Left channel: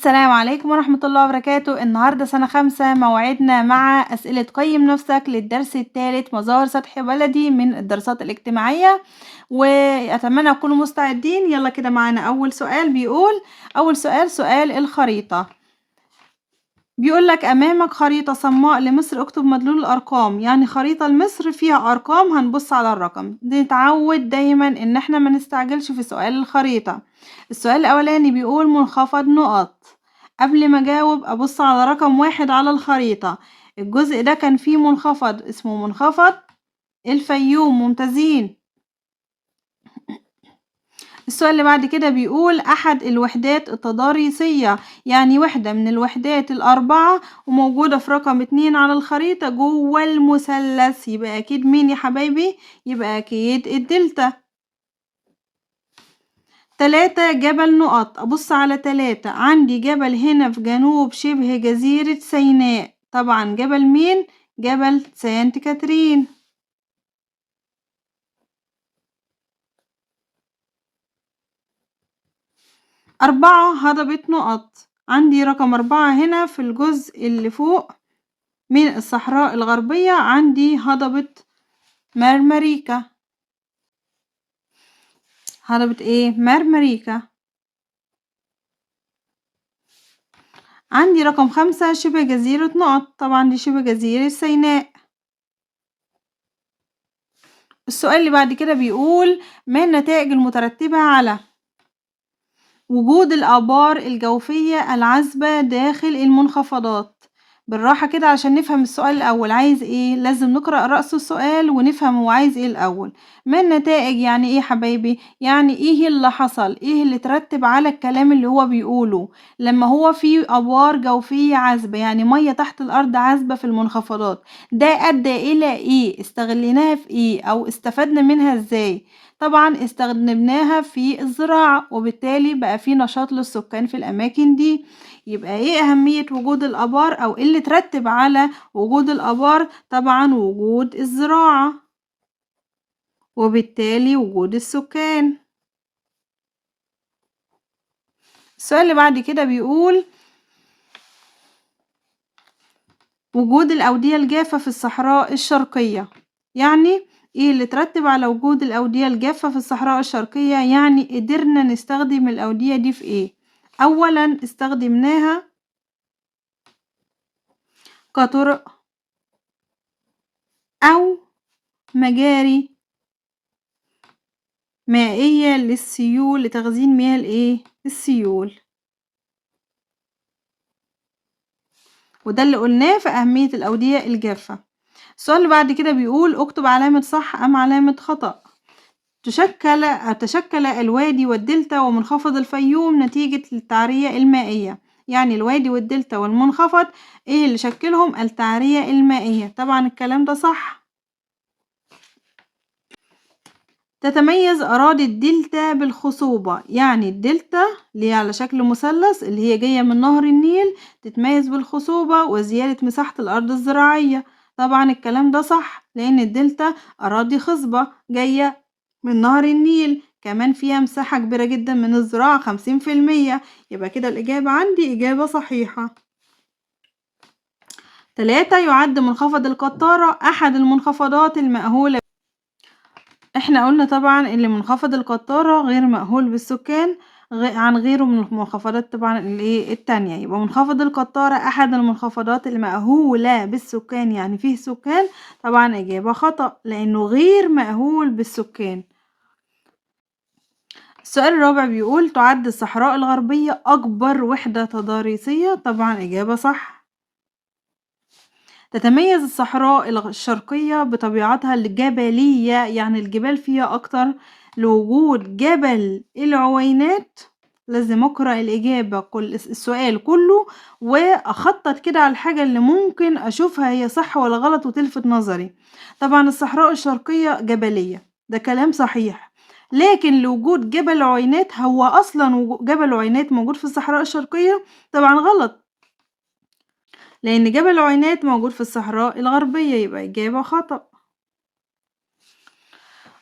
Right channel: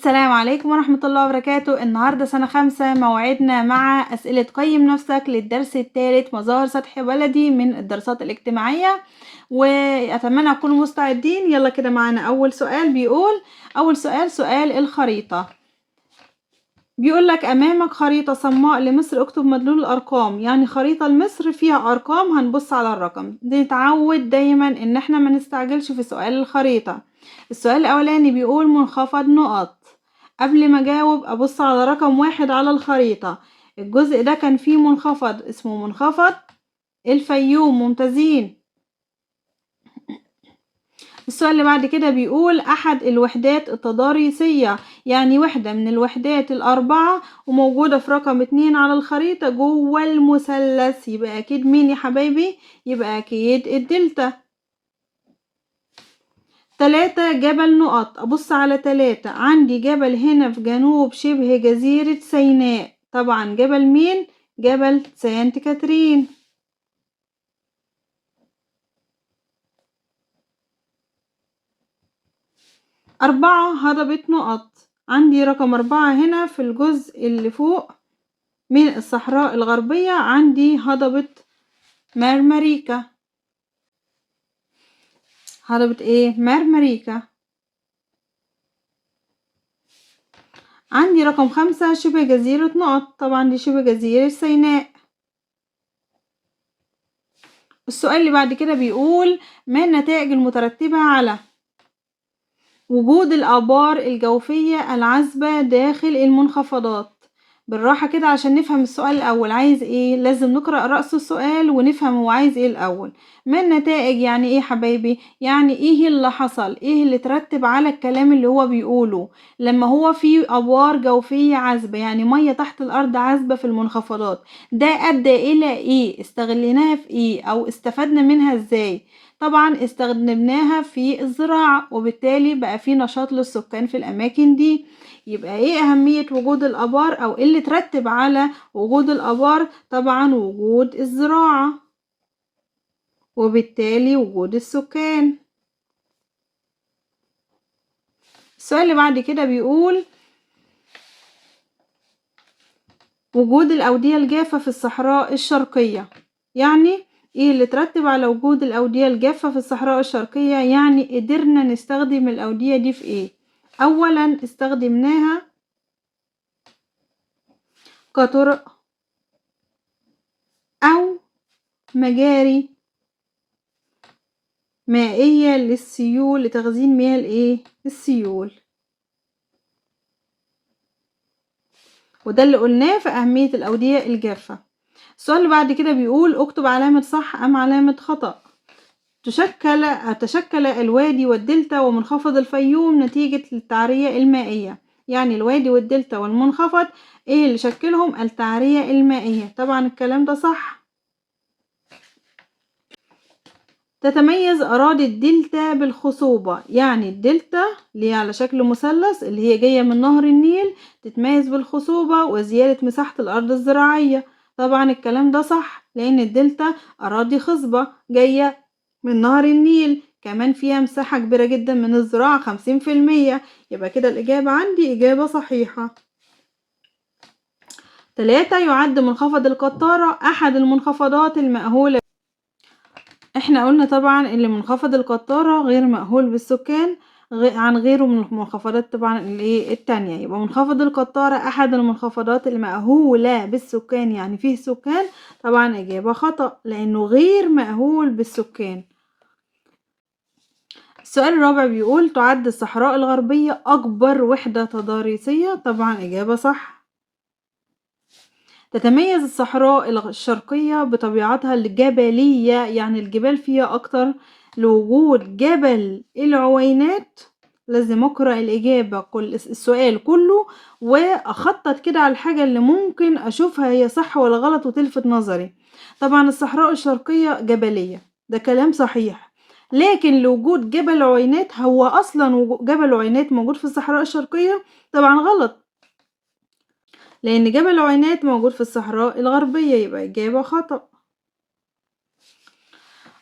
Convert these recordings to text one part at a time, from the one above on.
السلام عليكم ورحمة الله وبركاته. النهاردة سنة 5 موعدنا مع أسئلة قيم نفسك للدرس الثالث مظاهر سطح بلدي من الدراسات الاجتماعية، وأتمنى تكونوا مستعدين. يلا كده معانا أول سؤال. بيقول أول سؤال الخريطة. بيقول لك أمامك خريطة صماء لمصر، اكتب مدلول الأرقام. يعني خريطة لمصر فيها أرقام، هنبص على الرقم. نتعود دايما إن احنا ما نستعجلش في سؤال الخريطة. السؤال الأولاني بيقول منخفض نقط. قبل ما أجاوب أبص على رقم 1 على الخريطة. الجزء ده كان فيه منخفض اسمه منخفض الفيوم. ممتازين. السؤال اللي بعد كده بيقول أحد الوحدات التضاريسية، يعني وحدة من الوحدات الأربعة وموجودة في رقم 2 على الخريطة جوه المثلث. يبقى أكيد مين يا حبايبي؟ يبقى أكيد الدلتا. 3 جبل نقط. أبص على 3. عندي جبل هنا في جنوب شبه جزيرة سيناء. طبعا جبل مين؟ جبل سانت كاترين. 4 هضبة نقط. عندي رقم 4 هنا في الجزء اللي فوق من الصحراء الغربية. عندي هضبة مرمريكا. هضبة ايه؟ مرمريكا. عندي رقم 5 شبه جزيرة نقط. طبعا دي شبه جزيرة سيناء. السؤال اللي بعد كده بيقول ما النتائج المترتبة على وجود الآبار الجوفية العذبة داخل المنخفضات؟ بالراحة كده عشان نفهم السؤال الأول عايز ايه. لازم نقرأ رأس السؤال ونفهم هو عايز ايه الأول. ما النتائج يعني ايه حبايبي؟ يعني ايه اللي حصل، ايه اللي ترتب على الكلام اللي هو بيقوله لما هو في آبار جوفية عذبة، يعني مية تحت الأرض عذبة في المنخفضات. ده أدى إلى ايه؟ استغليناها في ايه أو استفدنا منها ازاي؟ طبعا استخدمناها في الزراعة، وبالتالي بقى في نشاط للسكان في الأماكن دي. يبقى ايه أهمية وجود الآبار أو ايه اللي ترتب على وجود الآبار؟ طبعا وجود الزراعة، وبالتالي وجود السكان. السؤال اللي بعد كده بيقول وجود الأودية الجافة في الصحراء الشرقية. يعني ايه اللي ترتب على وجود الأودية الجافة في الصحراء الشرقية؟ يعني قدرنا نستخدم الأودية دي في ايه؟ أولا استخدمناها كطرق أو مجاري مائية للسيول لتخزين مياه الايه؟ السيول. وده اللي قلناه في أهمية الأودية الجافة. السؤال اللي بعد كده بيقول اكتب علامة صح أم علامة خطأ. تشكل الوادي والدلتا ومنخفض الفيوم نتيجة للتعرية المائية. يعني الوادي والدلتا والمنخفض ايه اللي شكلهم؟ التعرية المائية. طبعا الكلام ده صح. تتميز أراضي الدلتا بالخصوبة. يعني الدلتا اللي هي على شكل مثلث اللي هي جاية من نهر النيل تتميز بالخصوبة وزيادة مساحة الأرض الزراعية. طبعا الكلام ده صح لأن الدلتا أراضي خصبة جاية من نهر النيل، كمان فيها مساحة كبيرة جدا من الزراعة 50%. يبقى كده الإجابة عندي إجابة صحيحة. 3 يعد منخفض القطارة أحد المنخفضات المأهولة. احنا قلنا طبعا اللي منخفض القطارة غير مأهول بالسكان عن غيره من المنخفضات طبعا التانية. يبقى منخفض القطارة أحد المنخفضات المأهولة بالسكان، يعني فيه سكان. طبعا إجابة خطأ لأنه غير مأهول بالسكان. السؤال الرابع بيقول تعد الصحراء الغربية أكبر وحدة تضاريسية. طبعا إجابة صح. تتميز الصحراء الشرقية بطبيعتها الجبلية، يعني الجبال فيها أكتر لوجود جبل العوينات. لازم أقرأ الإجابة السؤال كله وأخطط كده على الحاجة اللي ممكن أشوفها هي صح ولا غلط وتلفت نظري. طبعا الصحراء الشرقية جبلية، ده كلام صحيح. لكن لوجود جبل عوينات، هو أصلا جبل عوينات موجود في الصحراء الشرقية؟ طبعا غلط لأن جبل عوينات موجود في الصحراء الغربية. يبقى إجابة خطأ.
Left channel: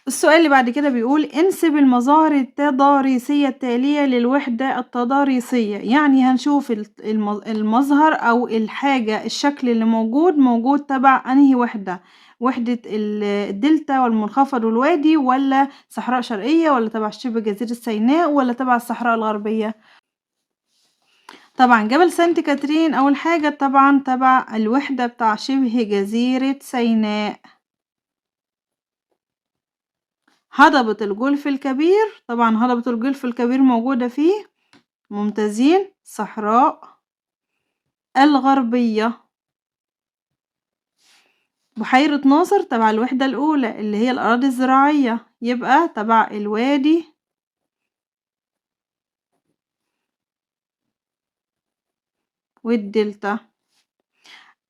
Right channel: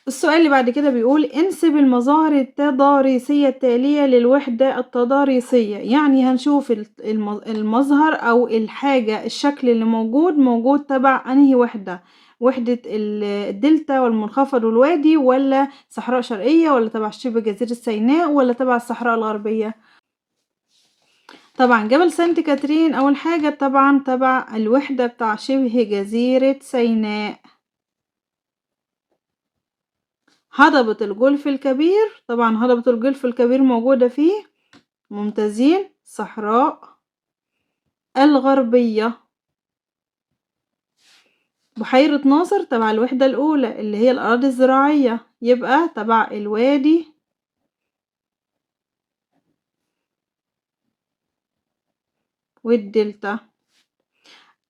السؤال اللي بعد كده بيقول انسب المظاهر التضاريسية التالية للوحدة التضاريسية. يعني هنشوف المظهر أو الحاجة الشكل اللي موجود تبع أنهي وحدة، وحدة الدلتا والمنخفض والوادي، ولا صحراء شرقية، ولا تبع شبه جزيرة سيناء، ولا تبع الصحراء الغربية. طبعا جبل سانت كاترين أول حاجة طبعا تبع الوحدة بتاع شبه جزيرة سيناء. هضبة الجولف الكبير، طبعا هضبة الجولف الكبير موجودة فيه. ممتازين. صحراء الغربية. بحيرة ناصر تبع الوحدة الأولى اللي هي الأراضي الزراعية، يبقى تبع الوادي والدلتا.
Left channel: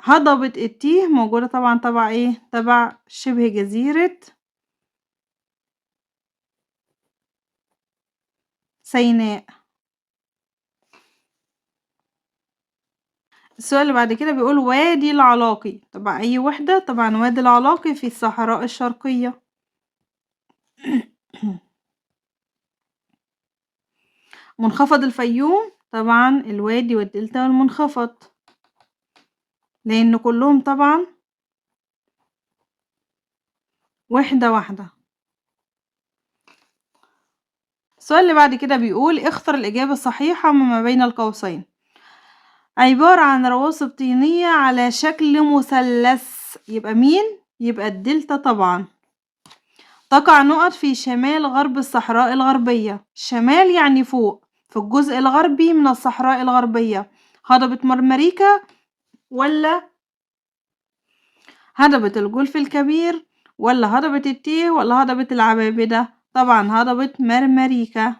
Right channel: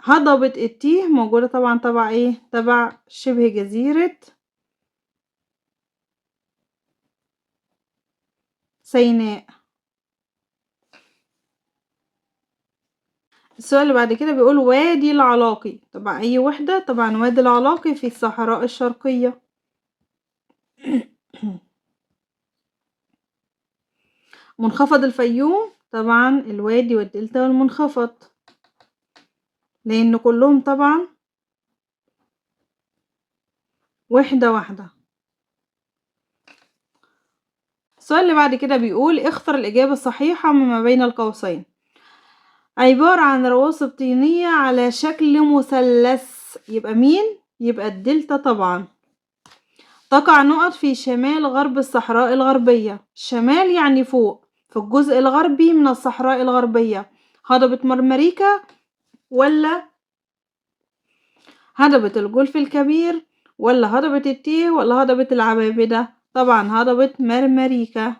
هضبة التيه موجودة طبعا تبع ايه؟ تبع شبه جزيرة سيناء. السؤال اللي بعد كده بيقول وادي العلاقي تبع أي وحدة؟ طبعا وادي العلاقي في الصحراء الشرقية. منخفض الفيوم طبعا الوادي والدلتا والمنخفض، لأن كلهم طبعا وحدة واحدة. السؤال اللي بعد كده بيقول اختر الإجابة الصحيحة مما بين القوسين. عبارة عن رواسب طينية على شكل مثلث، يبقى مين؟ يبقى الدلتا طبعا. تقع نقط في شمال غرب الصحراء الغربية. شمال يعني فوق، في الجزء الغربي من الصحراء الغربية. هضبة مرمريكا، ولا هضبة الجولف الكبير، ولا هضبة التيه، ولا هضبة العبابدة؟ طبعا هضبة مرمريكا،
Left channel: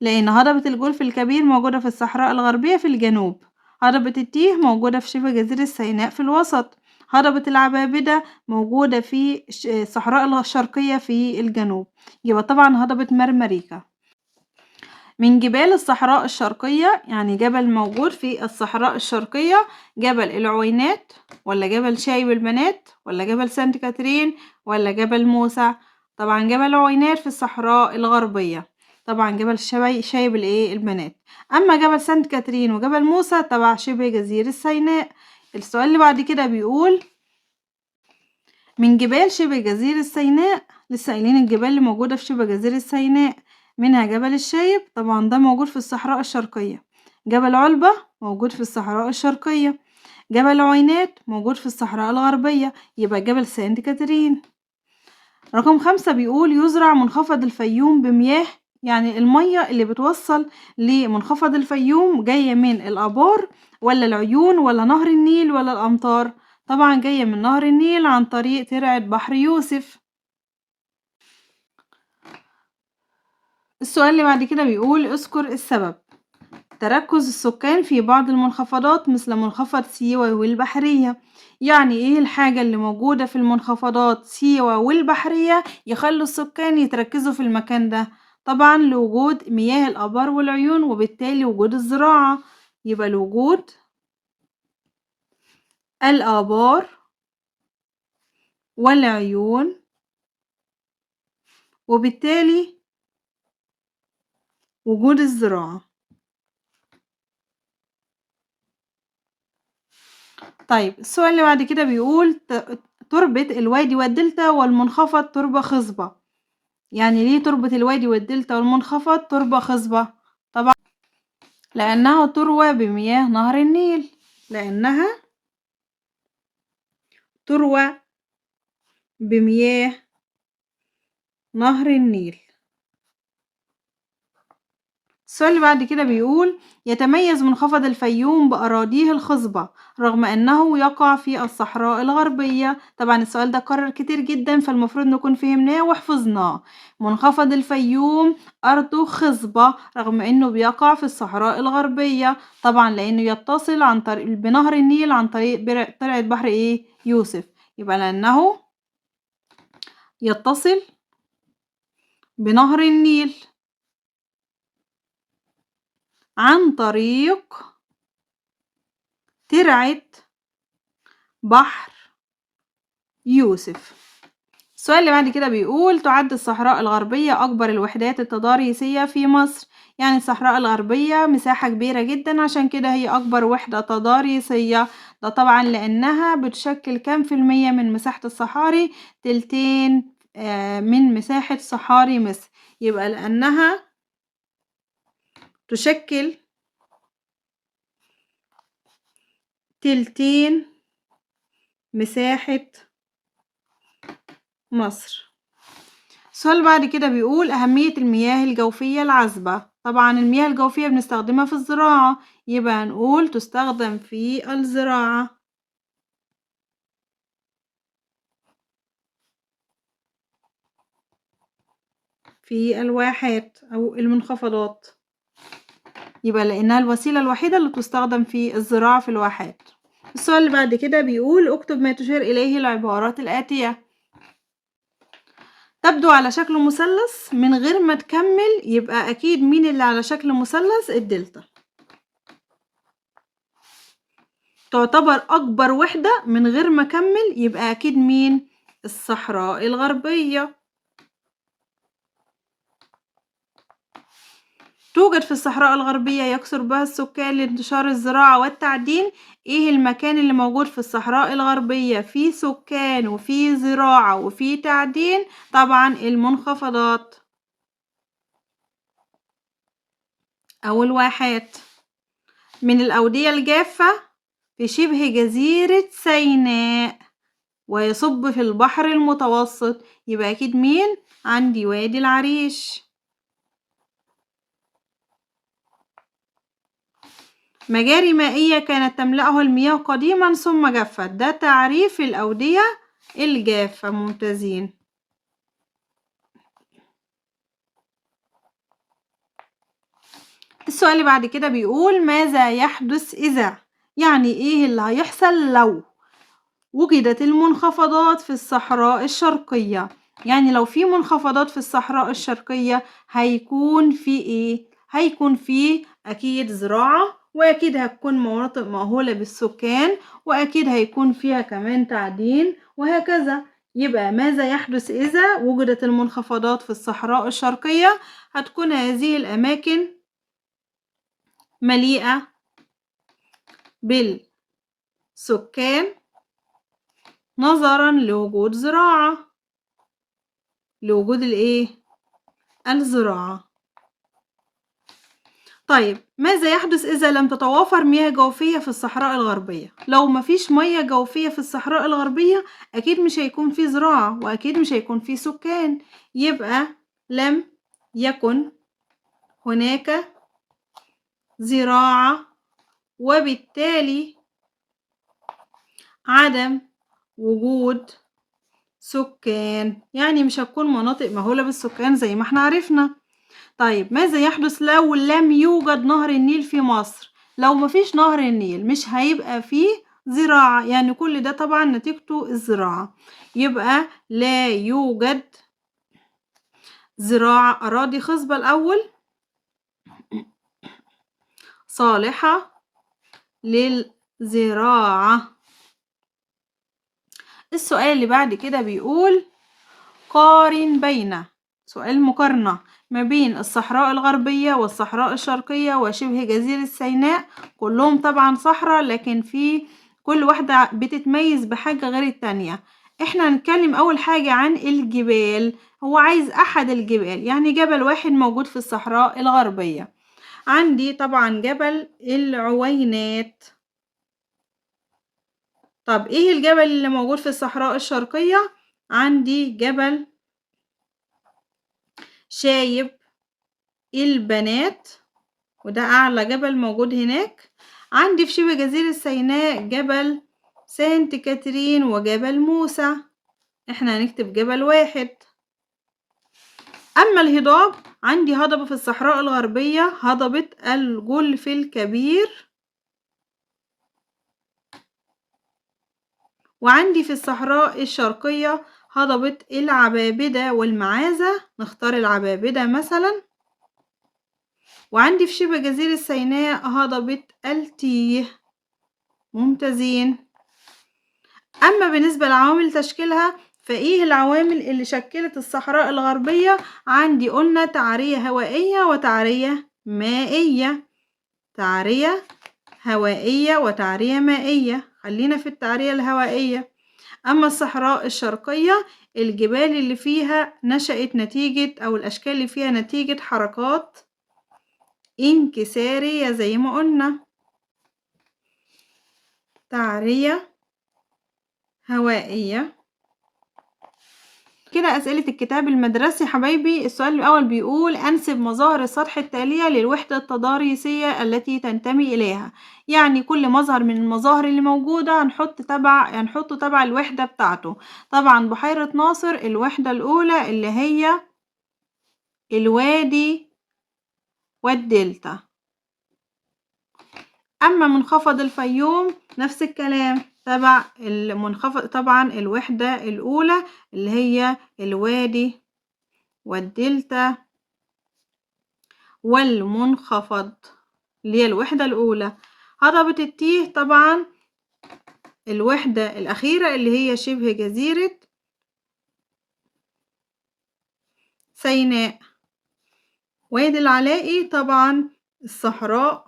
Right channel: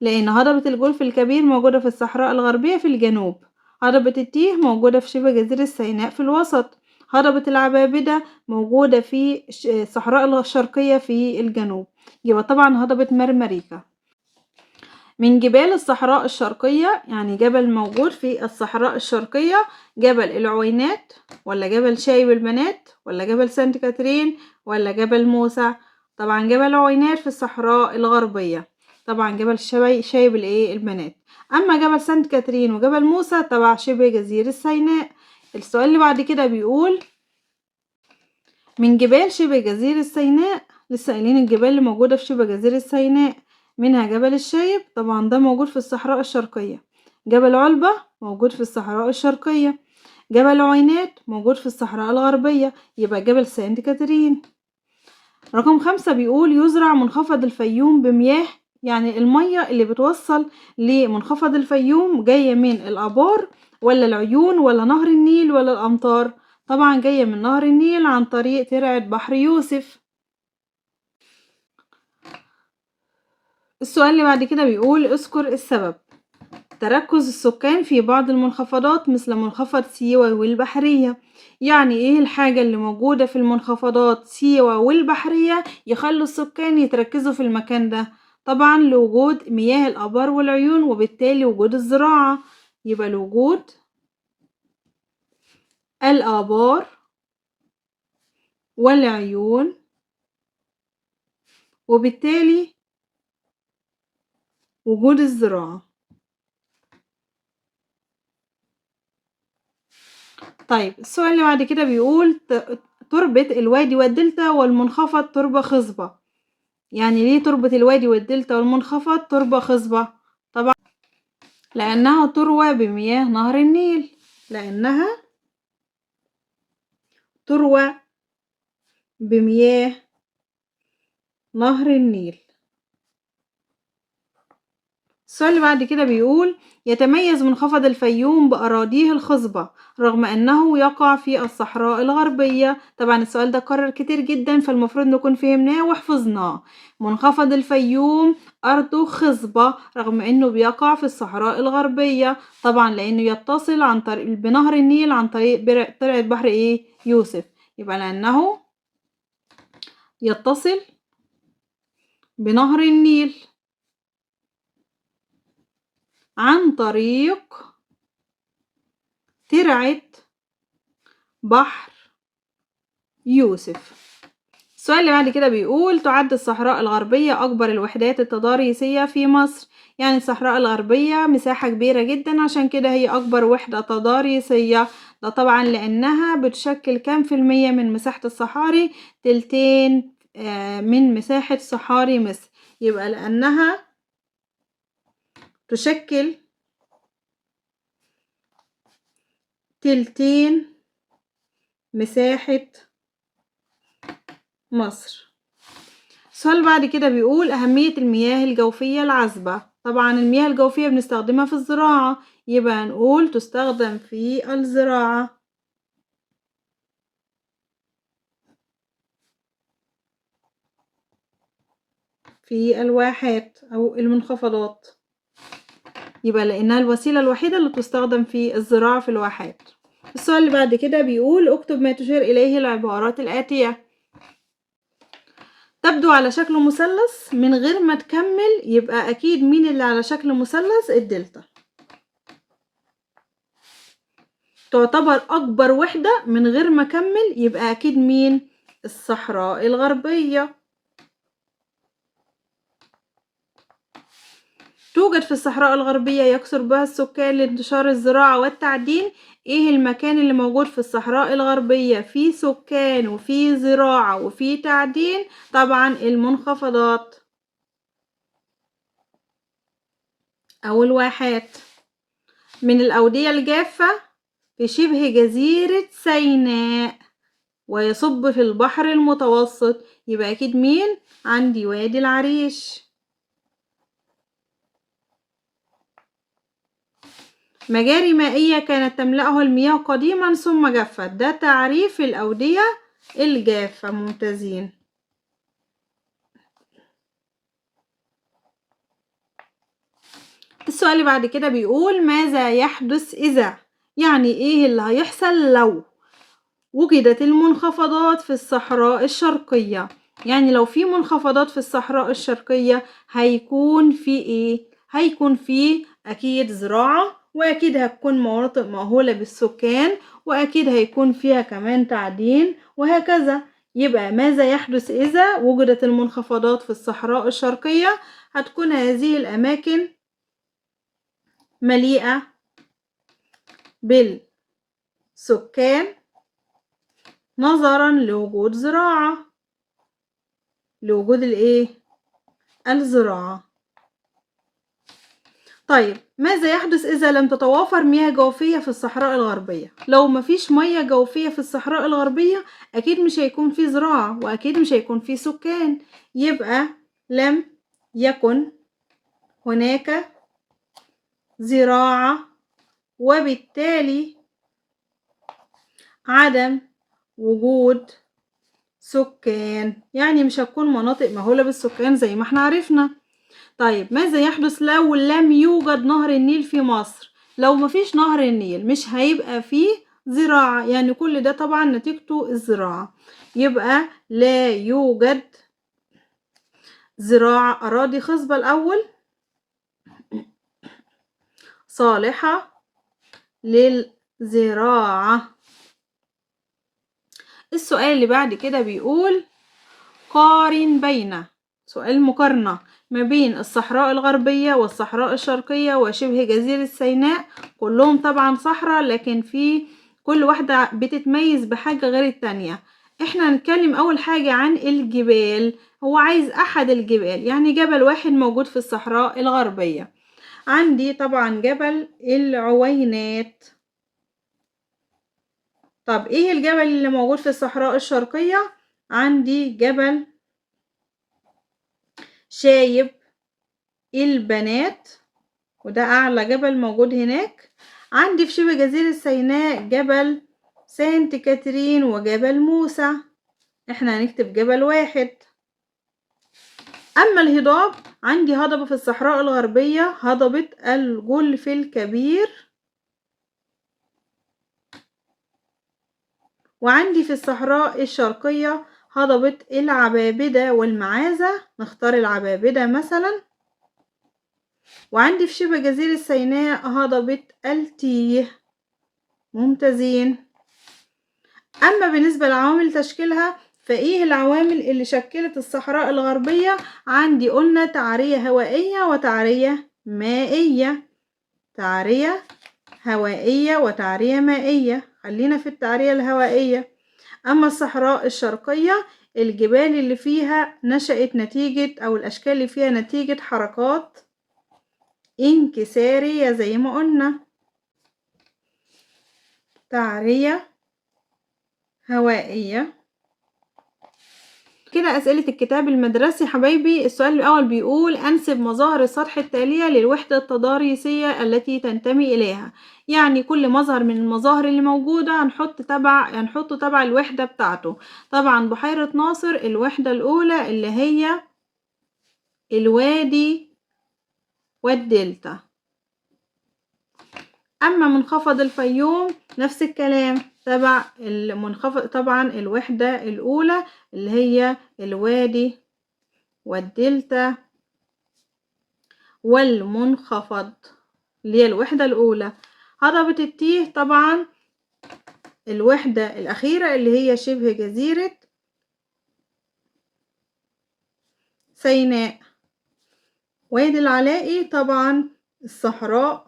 لأن هضبة الجولف الكبير موجودة في الصحراء الغربية في الجنوب. هضبة التيه موجودة في شبه جزيرة سيناء في الوسط. هضبة العبابدة موجودة في الصحراء الشرقية في الجنوب. يبقى طبعا هضبة مرمريكا. من جبال الصحراء الشرقية، يعني جبل موجود في الصحراء الشرقية، جبل العوينات، ولا جبل شايب البنات، ولا جبل سانت كاترين، ولا جبل موسى؟ طبعا جبل العوينات في الصحراء الغربية. طبعا جبل شايب البنات. أما جبل سانت كاترين وجبل موسى تبع شبه جزيرة سيناء. السؤال اللي بعد كده بيقول من جبال شبه جزيرة سيناء، لسه قايلين الجبال اللي موجودة في شبه جزيرة سيناء، منها جبل الشايب طبعا ده موجود في الصحراء الشرقية. جبل علبة موجود في الصحراء الشرقية. جبل عوينات موجود في الصحراء الغربية، يبقى جبل سانت كاترين. رقم 5 بيقول يزرع منخفض الفيوم بمياه، يعني المية اللي بتوصل لمنخفض الفيوم جاية من الآبار، ولا العيون، ولا نهر النيل، ولا الأمطار؟ طبعا جاية من نهر النيل عن طريق ترعة بحر يوسف. السؤال اللي بعد كده بيقول اذكر السبب. تركز السكان في بعض المنخفضات مثل منخفض سيوة والبحرية. يعني ايه الحاجة اللي موجودة في المنخفضات سيوة والبحرية يخلوا السكان يتركزوا في المكان ده؟ طبعا لوجود مياه الآبار والعيون، وبالتالي وجود الزراعة. يبقى لوجود الآبار والعيون، وبالتالي وجود الزراعة. طيب السؤال اللي بعد كده بيقول تربة الوادي والدلتا والمنخفض تربة خصبة. يعني ليه تربة الوادي والدلتا والمنخفض تربة خصبة؟ طبعا لأنها تروى بمياه نهر النيل. لأنها تروى بمياه نهر النيل. السؤال اللي بعد كده بيقول يتميز منخفض الفيوم بأراضيه الخصبة رغم أنه يقع في الصحراء الغربية. طبعا السؤال ده كرر كتير جدا، فالمفروض نكون فهمناه وحفظناه. منخفض الفيوم أرضه خصبة رغم أنه بيقع في الصحراء الغربية، طبعا لأنه يتصل عن طريق بنهر النيل عن طريق طلعة بحر يوسف. يبقى لأنه يتصل بنهر النيل عن طريق ترعة بحر يوسف. السؤال اللي بعد كده بيقول تعد الصحراء الغربية أكبر الوحدات التضاريسية في مصر. يعني الصحراء الغربية مساحة كبيرة جدا، عشان كده هي أكبر وحدة تضاريسية. ده طبعا لأنها بتشكل كام في المية من مساحة الصحاري؟ تلتين من مساحة صحاري مصر. يبقى لأنها تشكل تلتين مساحة مصر. السؤال بعد كده بيقول أهمية المياه الجوفية العذبة. طبعا المياه الجوفية بنستخدمها في الزراعة، يبقى هنقول تستخدم في الزراعة. في الواحات أو المنخفضات، يبقى لأنها الوسيلة الوحيدة اللي تستخدم في الزراعة في الواحات. السؤال اللي بعد كده بيقول اكتب ما تشير إليه العبارات الآتية. تبدو على شكل مثلث. من غير ما تكمل يبقى أكيد مين اللي على شكل مثلث؟ الدلتا. تعتبر أكبر وحدة. من غير ما أكمل يبقى أكيد مين؟ الصحراء الغربية. توجد في الصحراء الغربية يكثر بها السكان لانتشار الزراعة والتعدين. ايه المكان اللي موجود في الصحراء الغربية فيه سكان وفيه زراعة وفيه تعدين؟ طبعا المنخفضات أو الواحات. من الأودية الجافة في شبه جزيرة سيناء ويصب في البحر المتوسط، يبقى أكيد مين؟ عندي وادي العريش. مجاري مائية كانت تملأها المياه قديما ثم جفت. ده تعريف الأودية الجافة. ممتازين. السؤال اللي بعد كده بيقول ماذا يحدث إذا. يعني إيه اللي هيحصل لو وجدت المنخفضات في الصحراء الشرقية؟ يعني لو في منخفضات في الصحراء الشرقية هيكون في إيه؟ هيكون في أكيد زراعة، وأكيد هتكون مناطق مأهولة بالسكان، وأكيد هيكون فيها كمان تعدين، وهكذا. يبقى ماذا يحدث إذا وجدت المنخفضات في الصحراء الشرقية؟ هتكون هذه الأماكن مليئة بالسكان نظرا لوجود زراعة، لوجود الزراعة. طيب ماذا يحدث إذا لم تتوافر مياه جوفية في الصحراء الغربية؟ لو مفيش مياه جوفية في الصحراء الغربية أكيد مش هيكون في زراعة، وأكيد مش هيكون في سكان. يبقى لم يكن هناك زراعة، وبالتالي عدم وجود سكان. يعني مش هتكون مناطق مهولة بالسكان زي ما احنا عرفنا. طيب ماذا يحدث لو لم يوجد نهر النيل في مصر؟ لو مفيش نهر النيل مش هيبقى فيه زراعة، يعني كل ده طبعا نتيجته الزراعة. يبقى لا يوجد زراعة. أراضي خصبة الأول صالحة للزراعة. السؤال اللي بعد كده بيقول قارن بين، سؤال مقارنة ما بين الصحراء الغربية والصحراء الشرقية وشبه جزيرة سيناء. كلهم طبعا صحراء، لكن في كل واحدة بتتميز بحاجة غير التانية. احنا هنتكلم أول حاجة عن الجبال. هو عايز أحد الجبال، يعني جبل واحد موجود في الصحراء الغربية. عندي طبعا جبل العوينات. طب ايه الجبل اللي موجود في الصحراء الشرقية؟ عندي جبل شايب البنات، وده أعلى جبل موجود هناك. عندي في شبه جزيرة سيناء جبل سانت كاترين وجبل موسى. احنا هنكتب جبل واحد. أما الهضاب، عندي هضبة في الصحراء الغربية هضبة الجلف الكبير، وعندي في الصحراء الشرقية هضبة العبابدة والمعازة. نختار العبابدة مثلا. وعندي في شبه جزيرة سيناء هضبة التيه. ممتازين. أما بالنسبة لعوامل تشكيلها فإيه العوامل اللي شكلت الصحراء الغربية؟ عندي قلنا تعرية هوائية وتعرية مائية، تعرية هوائية وتعرية مائية. خلينا في التعرية الهوائية. أما الصحراء الشرقية الجبال اللي فيها نشأت نتيجة، أو الأشكال اللي فيها نتيجة حركات انكسارية زي ما قلنا. تعرية هوائية. كده أسئلة الكتاب المدرسي حبايبي. السؤال الأول بيقول أنسب مظاهر السطح التالية للوحدة التضاريسية التي تنتمي إليها. يعني كل مظهر من المظاهر اللي موجودة هنحطه تبع الوحدة بتاعته. طبعا بحيرة ناصر الوحدة الأولى اللي هي الوادي والدلتا. أما منخفض الفيوم نفس الكلام، تبع المنخفض طبعا الوحدة الأولى اللي هي الوادي والدلتا والمنخفض اللي هي الوحدة الأولى. هضبة التيه طبعا الوحدة الأخيرة اللي هي شبه جزيرة سيناء. وادي العلائي طبعا الصحراء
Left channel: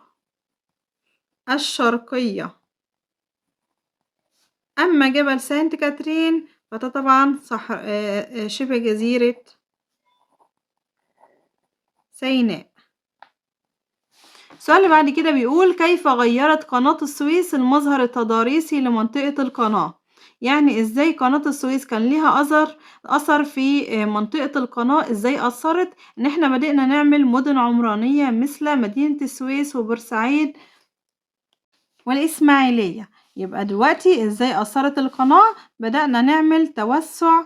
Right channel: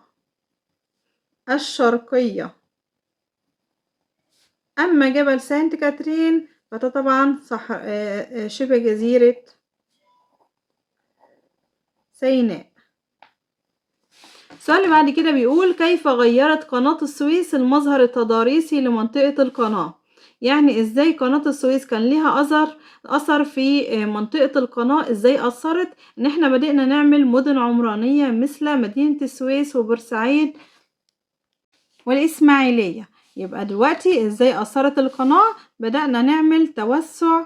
الشرقية. أما جبل سانت كاترين فده طبعا شبه جزيرة سيناء. السؤال اللي بعد كده بيقول كيف غيرت قناة السويس المظهر التضاريسي لمنطقة القناة؟ يعني ازاي قناة السويس كان ليها أثر في منطقة القناة، ازاي أثرت ان احنا بدأنا نعمل مدن عمرانية مثل مدينة السويس وبورسعيد والإسماعيلية. يبقى دلوقتي ازاي أثرت القناة؟ بدأنا نعمل توسع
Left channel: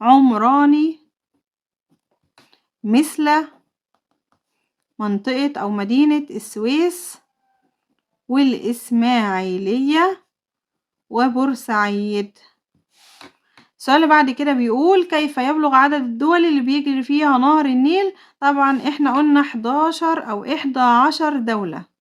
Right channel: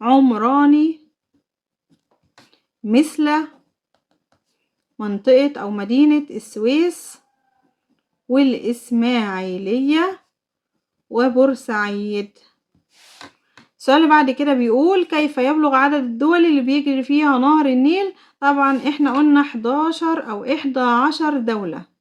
عمراني مثل منطقة أو مدينة السويس والإسماعيلية وبورسعيد. السؤال اللي بعد كده بيقول كيف يبلغ عدد الدول اللي بيجري فيها نهر النيل؟ طبعا احنا قلنا 11 أو 11 دولة.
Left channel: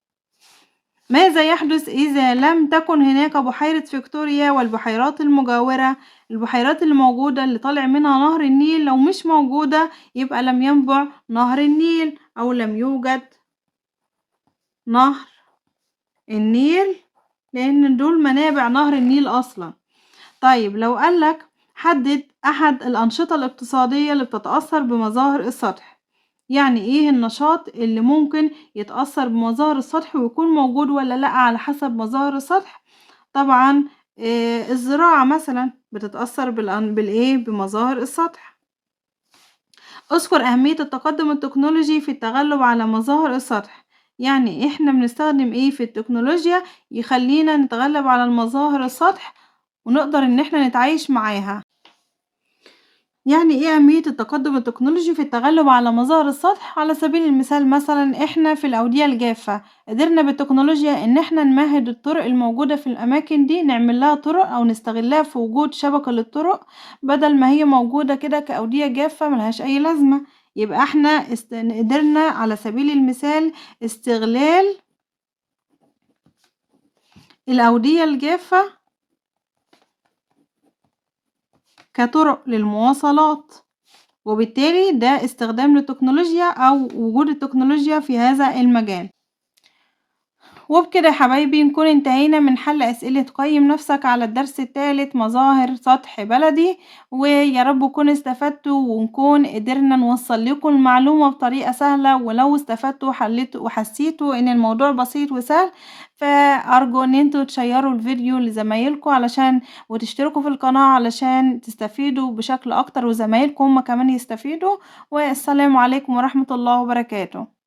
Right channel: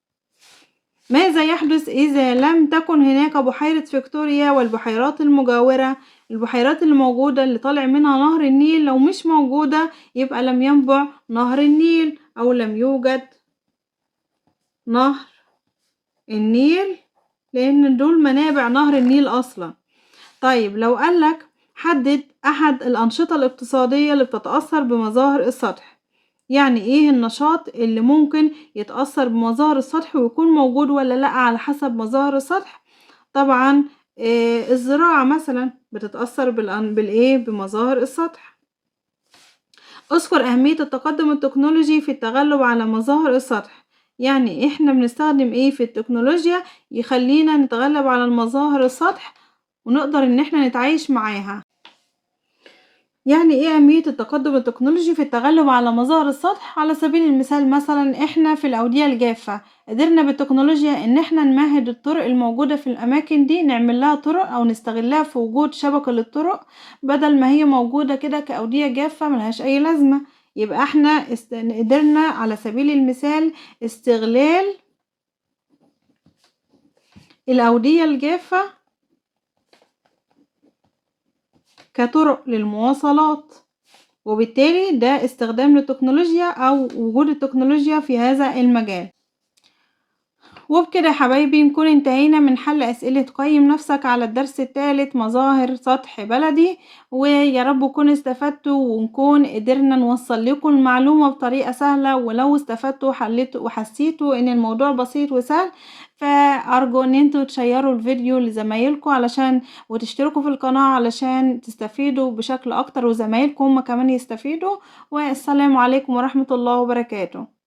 ماذا يحدث إذا لم تكن هناك بحيرة فيكتوريا والبحيرات المجاورة؟ البحيرات اللي موجودة اللي طالع منها نهر النيل لو مش موجودة يبقى لم ينبع نهر النيل أو لم يوجد نهر النيل، لأن دول منابع نهر النيل أصلا. طيب لو قالك حدد أحد الأنشطة الاقتصادية اللي بتتأثر بمظاهر السطح، يعني إيه النشاط اللي ممكن يتأثر بمظاهر السطح ويكون موجود ولا لأ على حسب مظاهر السطح؟ طبعا الزراعة مثلا بتتأثر بمظاهر السطح. اذكر أهمية التقدم التكنولوجي في التغلب على مظاهر السطح. يعني احنا بنستخدم ايه في التكنولوجيا يخلينا نتغلب على المظاهر السطح ونقدر ان احنا نتعايش معاها. يعني ايه أهمية التقدم التكنولوجي في التغلب على مظاهر السطح؟ على سبيل المثال مثلا احنا في الأودية الجافة قدرنا بالتكنولوجيا ان احنا نمهد الطرق الموجودة في الأماكن دي، نعمل لها طرق أو نستغلها في وجود شبكة للطرق بدل ما هي موجودة كده كأودية جافة ملهاش أي لازمة. يبقى احنا قدرنا على سبيل المثال استغلال الأودية الجافة كطرق للمواصلات، وبالتالي ده استخدام للتكنولوجيا أو وجود التكنولوجيا في هذا المجال. وبكده يا حبايبي نكون انتهينا من حل أسئلة قيم نفسك على الدرس الثالث مظاهر سطح بلدي، ويا رب نكون استفدتوا ونكون قدرنا نوصل لكم المعلومة بطريقة سهلة. ولو استفدتوا وحسيتوا ان الموضوع بسيط وسهل فأرجو ان انتوا تشيروا الفيديو لزمايلكم علشان وتشتركوا في القناة علشان تستفيدوا بشكل اكتر وزمايلكم هم كمان يستفيدوا. والسلام عليكم ورحمة الله وبركاته.